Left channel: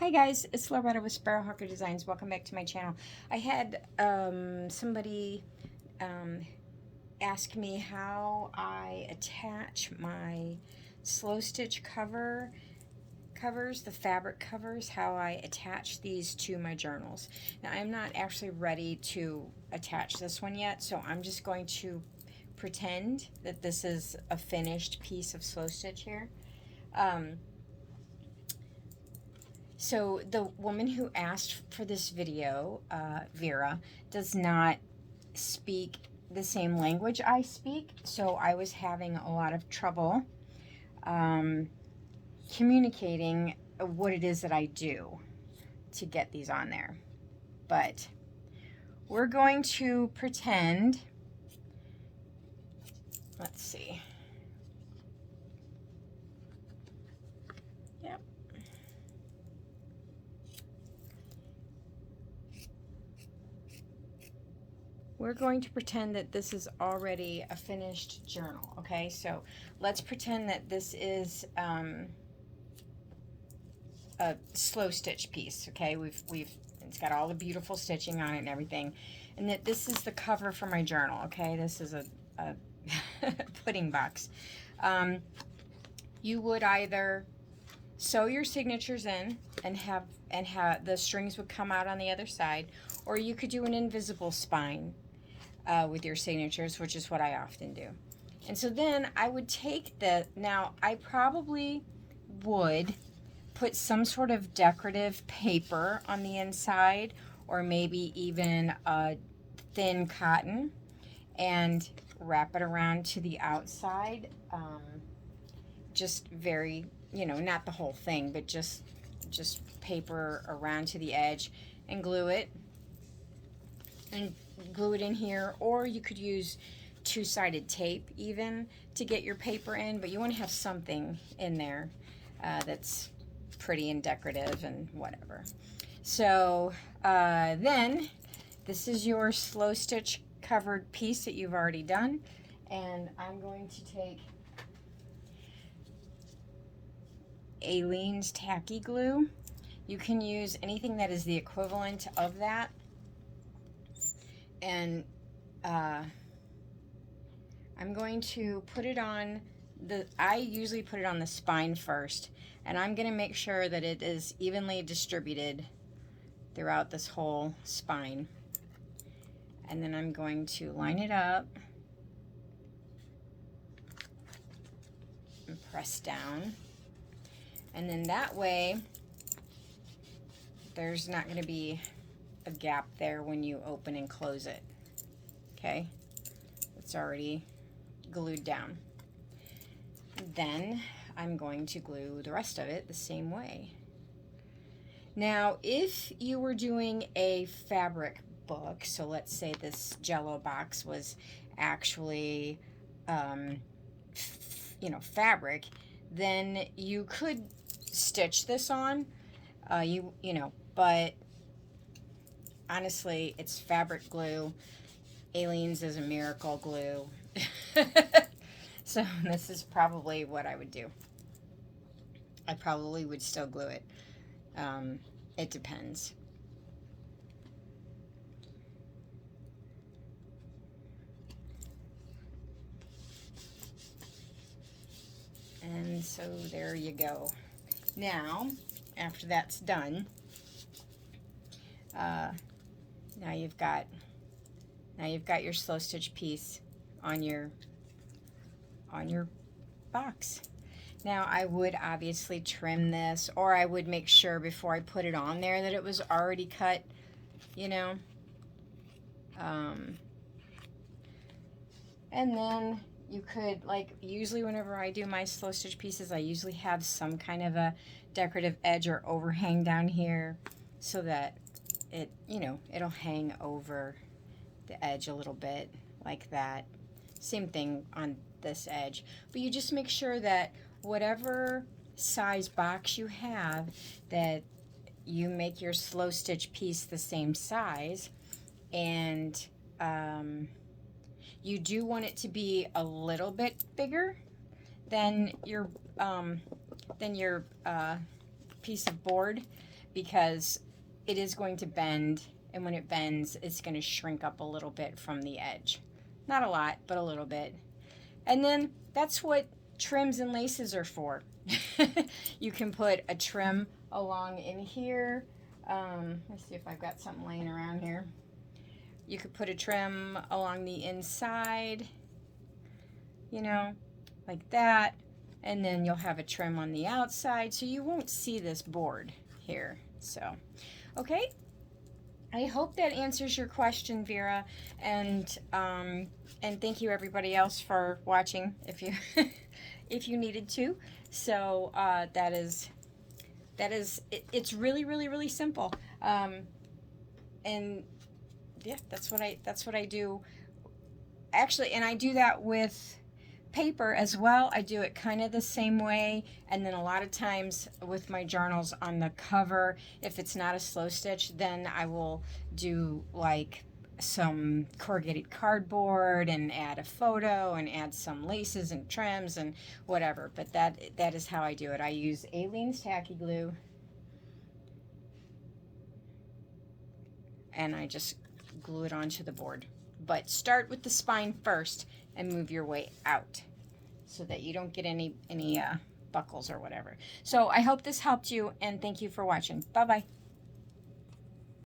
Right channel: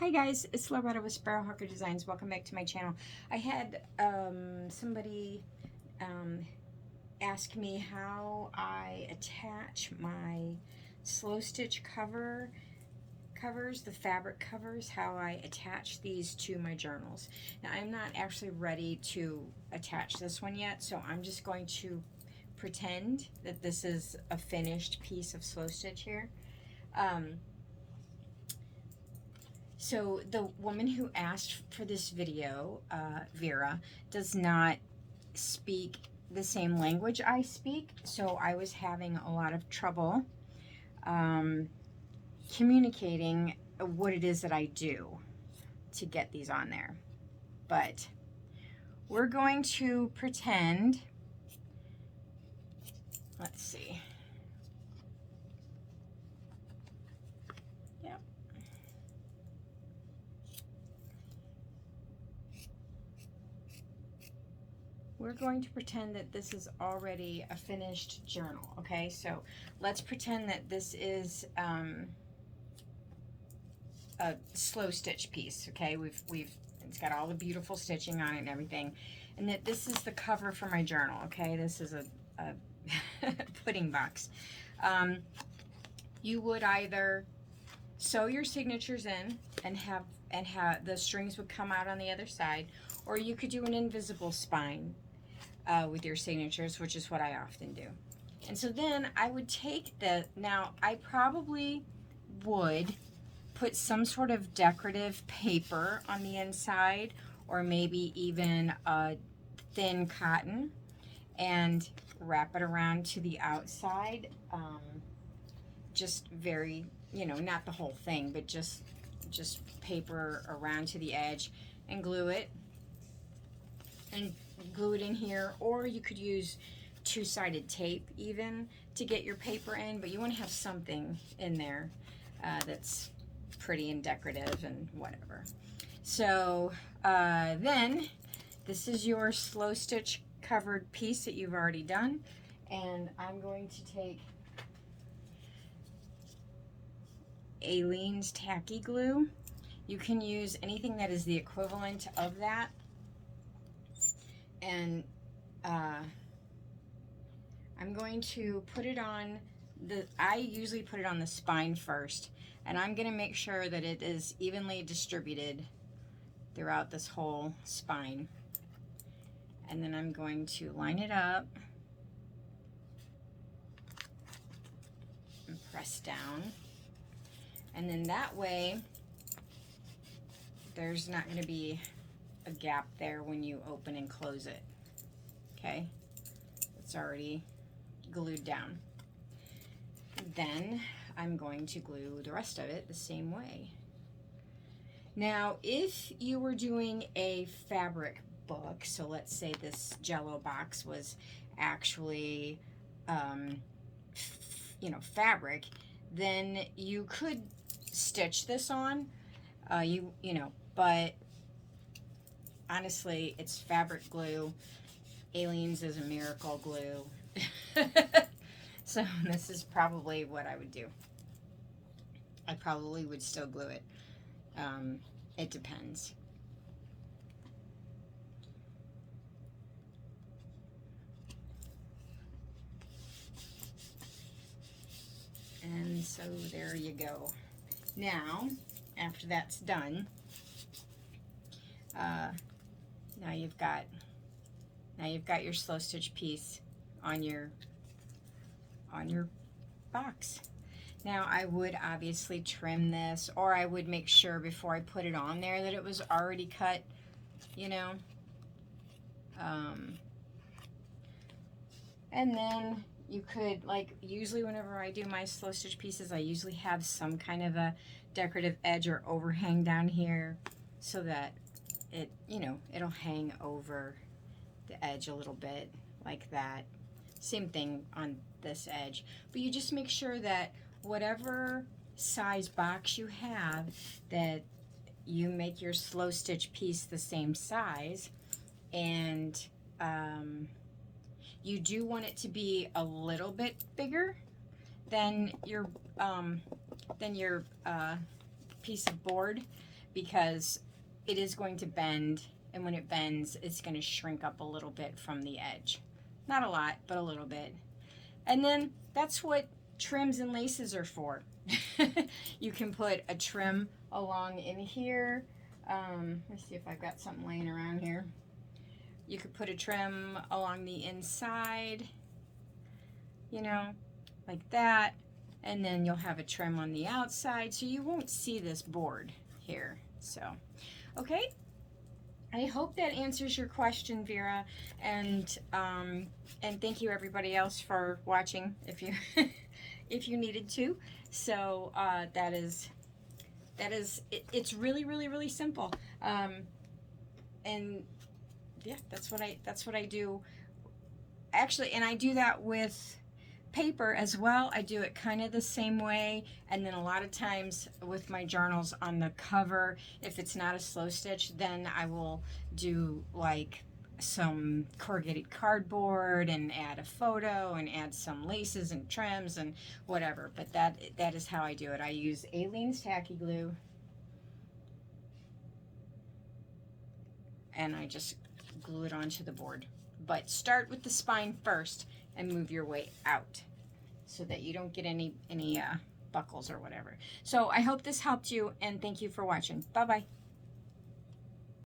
Hi guys, it's Loretta with Sparrowhawker Designs. Welcome back to my channel. I had somebody ask me how I attach my slow stitch covers, the fabric covers, how I attach these to my journals. Now I'm not actually ready to attach this one yet, so I'm just going to pretend that this is a finished piece of slow stitch here. So the woman who asked for this video, Vera, does not speak the same language I speak, so I was having a lot of trouble communicating what it is that I do to get these on there. But we're going to pretend, let's see. Yep. We're going to pretend that this is already a finished journal, okay? So let's pretend that this is a slow stitch piece, okay? It's got all the beautiful stitching on it and everything. And that this is the cover for my journal, okay? This is a pudding box. You would either sew your signatures in and have the strings would come out on the other side, or you could do an invisible spine with your signatures, which is what I often do. And so then I would take now I probably would put some sort of decorative paper on the inside, or maybe even a thin cotton, and wrap it around to the outside. Just very, not the whole thing, but just paper around to the edge, and glue it in here. Or you could use two-sided tape even to get your paper in, but you want to have something in there that's pretty and decorative and whatever. So then this is your slow stitch covered piece that you've already done, and I'm going to take Aleene's tacky glue. You can use anything that is the equivalent of that, and I'm going to put it on I usually put it on the spine first, and I'm going to make sure that it is evenly distributed throughout this whole spine. And then I'm going to line it up and press down. And then that way, there's not going to be a gap there when you open and close it. Okay? It's already glued down. Then I'm going to glue the rest of it the same way. Now, if you were doing a fabric book, so let's say this Jello box was actually, fabric, then you could stitch this on, but honestly, it's fabric glue. Aleene's is a miracle glue. So this is probably what I would do. I probably would still glue it. It depends. And so there you go. Now, after that's done, now you've got your slow stitch piece on your box. Now I would obviously trim this, or I would make sure before I put it on there that it was already cut, and then you could, like, usually whenever I do my slow stitch pieces, I usually have some kind of a decorative edge or overhang down here so that it, it'll hang over the edge a little bit like that. Same thing on this edge, but you just make sure that whatever size box you have, that you make your slow stitch piece the same size, and you do want it to be a little bit bigger than your piece of board, because it is going to bend, and when it bends, it's going to shrink up a little bit from the edge. Not a lot, but a little bit. And then that's what trims and laces are for. You can put a trim along in here. Let's see if I've got something laying around here. You could put a trim along the inside, you know, like that. And then you'll have a trim on the outside, so you won't see this board here. So, okay. I hope that answers your question, Vera, and thank you everybody else for watching if you if you needed to. So it's really simple, and yeah, that's what I do actually, and I do that with paper as well. I do it kind of the same way, and then a lot of times with my journals on the cover, if it's not a slow stitch, then I will do like some corrugated cardboard and add a photo and add some laces and trims and whatever. But that is how I do it. I use Aleene's tacky glue, and I just glue it onto the board. But start with the spine first and move your way out so that you don't get any buckles or whatever. So I hope this helped you, and thank you for watching. Bye-bye.